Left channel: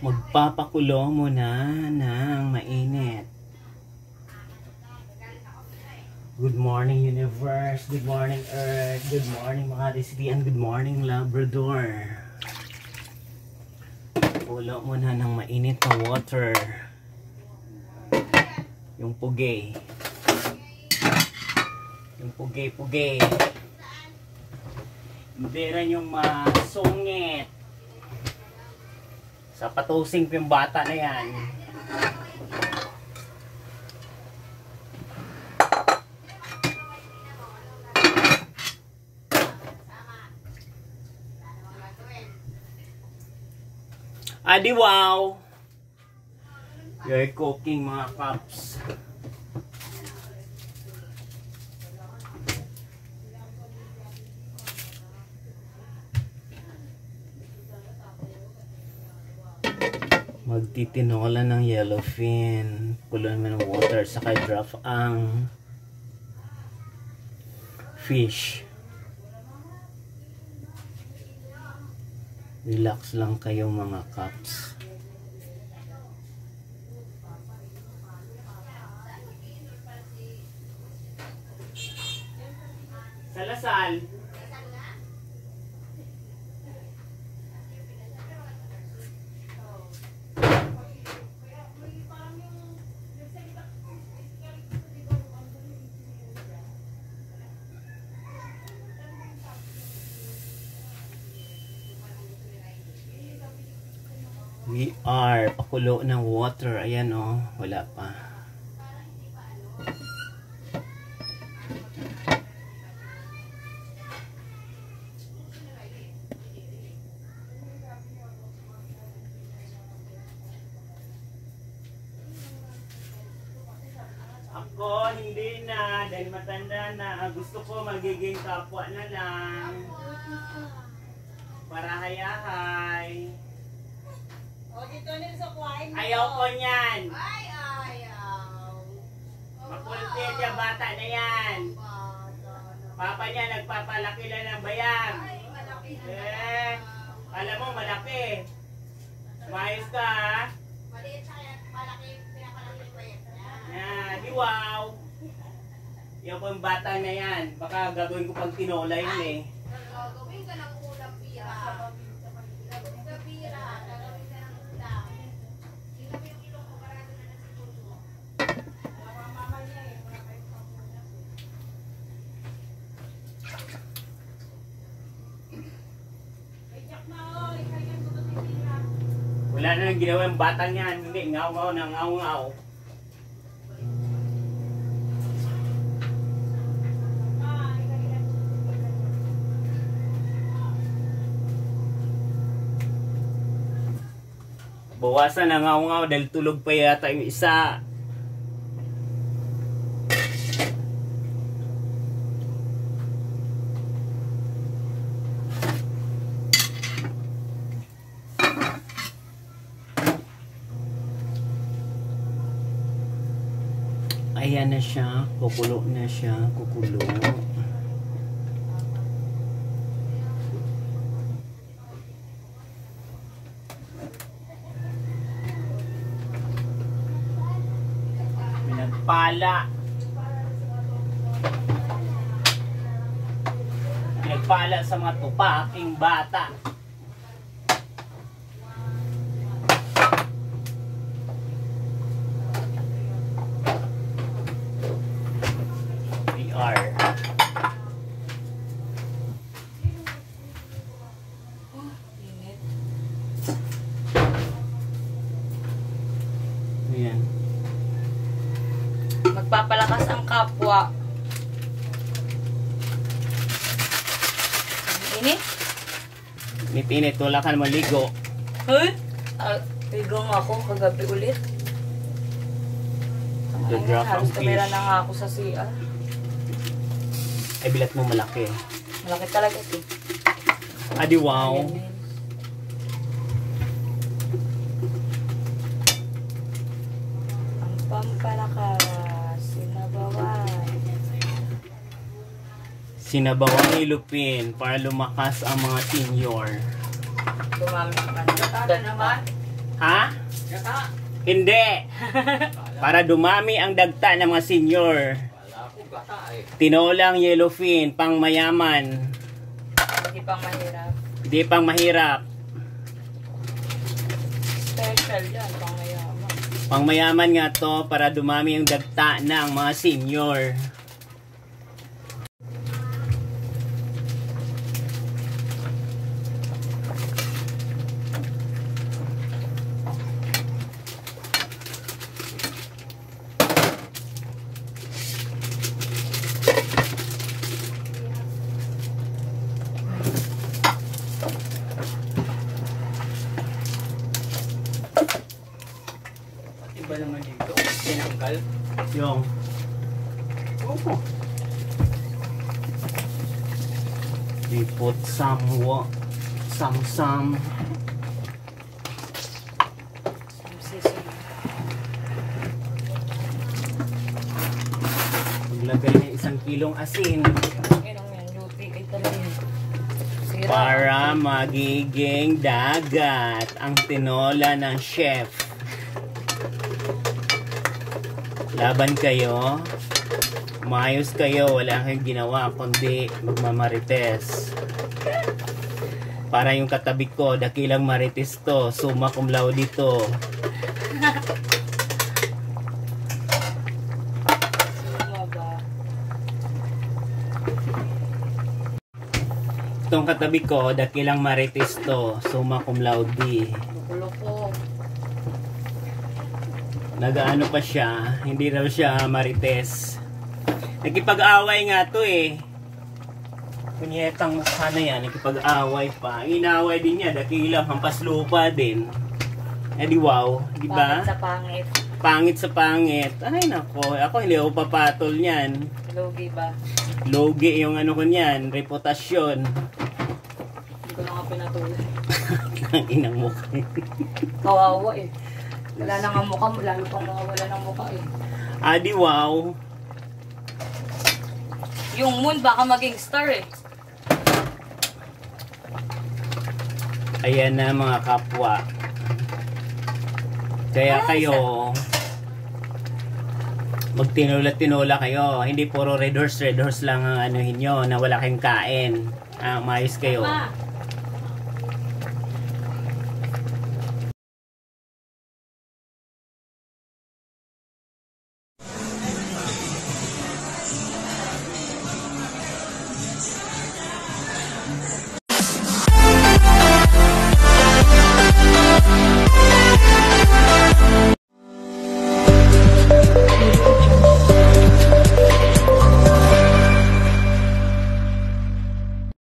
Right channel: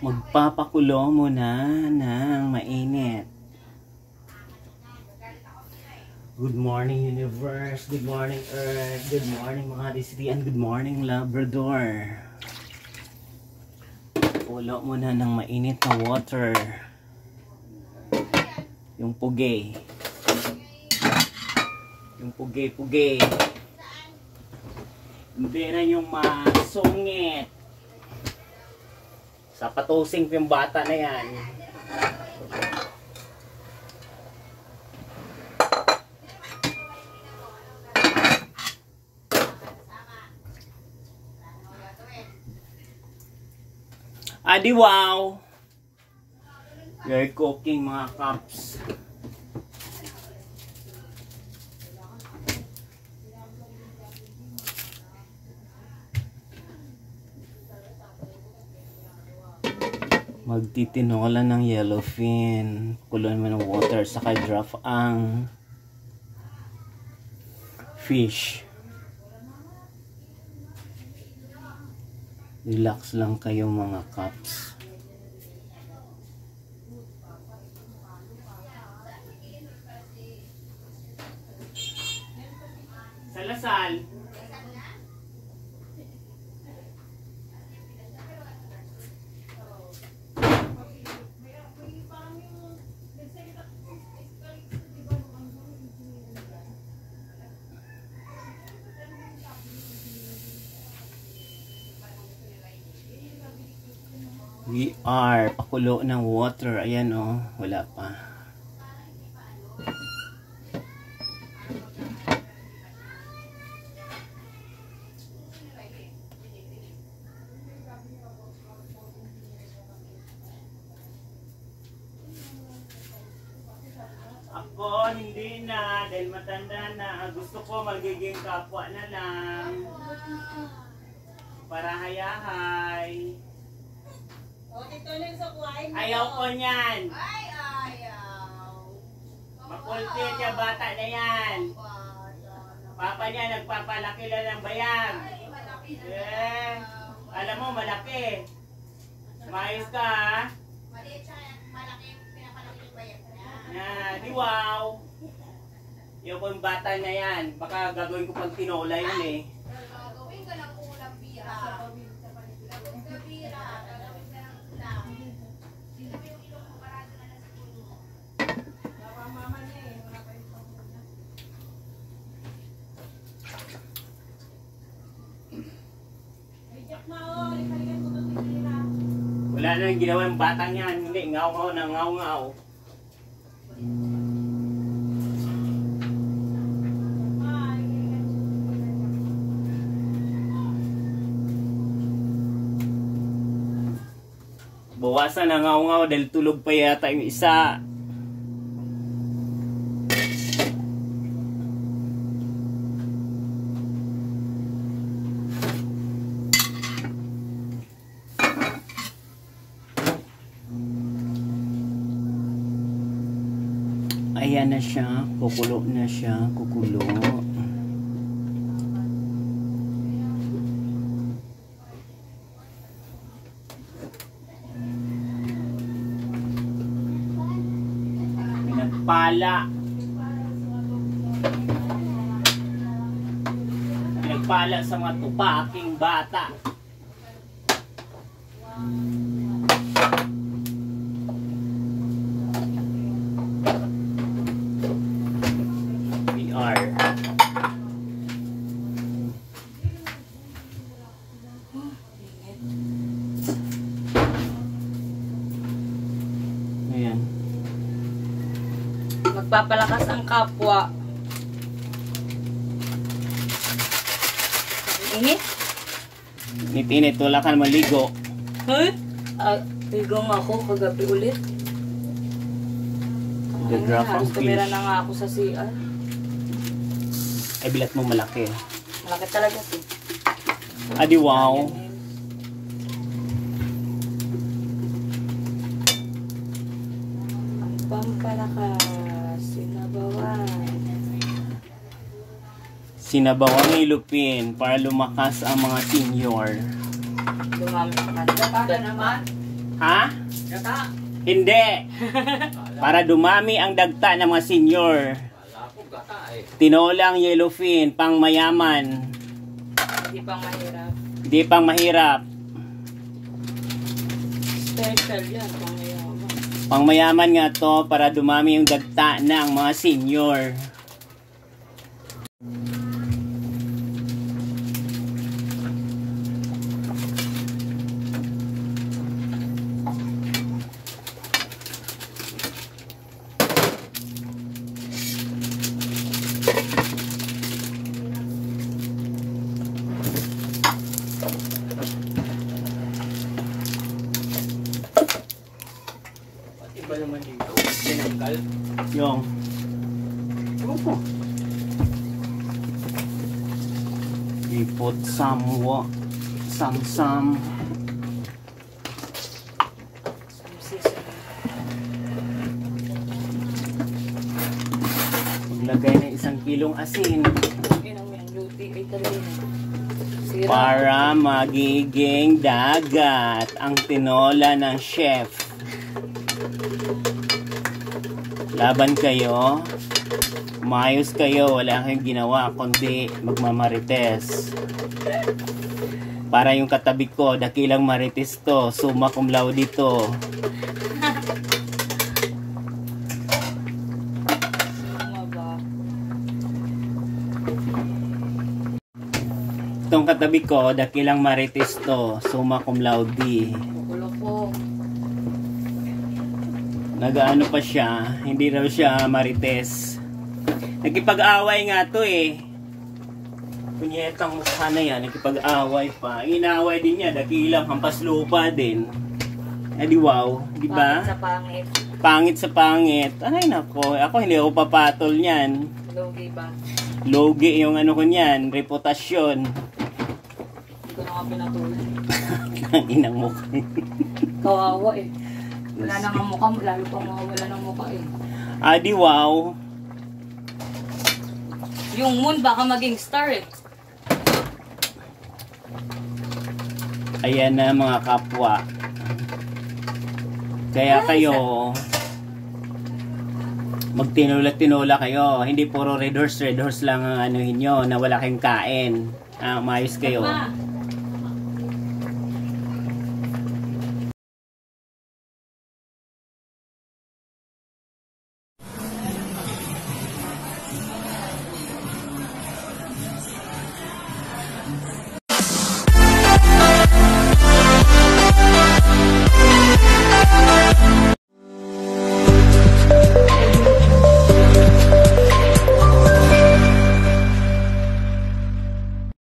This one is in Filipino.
Magpapakulo muna ng mainit. Good morning universe, good morning earth, good morning Makati City, and good morning Labrador. Kulo muna ng mainit na water. Yung pugi. Yung pugi. Hindi rin yung masungit. Sa patusing yung bata na yan. Adi wow! We're cooking mga cups. Magtitinola ng yellowfin. Kulon mo ng water. Saka drop ang fish. Relax lang kayo mga cups. Salasal. We are pakulo ng water. Ayan oh, wala pa. Ako hindi na dahil matanda na. Gusto ko magiging kapwa na lang. Para hayahay. Ayaw ko niyan. Ay, ayaw. Makulpit yung bata na yan. Papa niya nagpapalaki lang ng bayang. Eh, alam mo malaki. Mayos ka ha? Maliit siya, malaki, pinapalaki yung bayang. Yan, di wow. Yung kong bata na yan. Baka gagawin ko pang tinola yun eh. Gagawin ka ng ulam bira. Gagawin ka bira. Gagawin ka ng ulam. Sino mo yung ilong mo parado na nasa tulo mo? Mama niya eh. Wala kayong panguna. Ay, Jack na o. Ipaligyan ko ito si bira. Wala na yung ginawa yung bata niyan. Hindi, ngaw-ngaw na ngaw-ngaw. Bawasan na ngaw-ngaw dahil tulog pa yata yung isa. Ayan na siya, kukulo na siya, kukulo. Pinagpala sa mga tupaking bata. We are. Ayan. Magpapalakas ang kapwa. Init? Init-init, wala ka naman ligo. Huh? Ligo nga ako kagabi ulit. The drop Halos of tumira fish. na nga ako sa CR. Ay, bilat mo malaki. Malaki talaga ito. Adi wow. Ang pampalakas, sinabawan. Sinabawang ilupin para lumakas ang mga senior. Dumami sa kanila. Ano naman? Ha? Gata. Hindi. Para dumami ang dagta ng mga senior. Tinolang yellowfin, pang mayaman. Hindi pang mahirap. Hindi pang mahirap. Special yan, pang mayaman. Pang mayaman nga to para dumami yung dagta ng mga senior. Iba naman dito. Tinanggal. Yung. Oh. We put some maglagay ng 1 kilong asin Inong yan, luti kay talaga. Sira. para magiging dagat ang tinola ng chef. Laban kayo, umayos kayo, wala kayong ginawa kundi magmamarites. Para yung katabi ko, dakilang marites to, summa cum laude to. Ano ba? Itong katabi ko, dakilang marites to, summa cum laude. Loko-loko. Nagaano pa siya, hindi raw siya marites. Nakipag-away nga to eh. Kunyetang mukha na yan, nakipag-away pa. Inaway din niya, dakilang hampas lupa din. Eh di wow, di ba? Pangit sa pangit. Pangit sa pangit. Ay nako, ako hindi ako papatol niyan. Logi ba? Logi yung ano ko niyan, reputasyon. Hindi ko na nga pinatuloy. Ang inang mukha. Kawawa eh. Wala nang ang mukha, lalo pang mawawala ng mukha eh. Ah di wow. Yung moon baka maging star eh. Ayan na mga kapwa. Kaya kayo magtinola-tinola kayo. Hindi puro red horse lang ang anuhin nyo na wala kayong kain. Umayos kayo. Ma,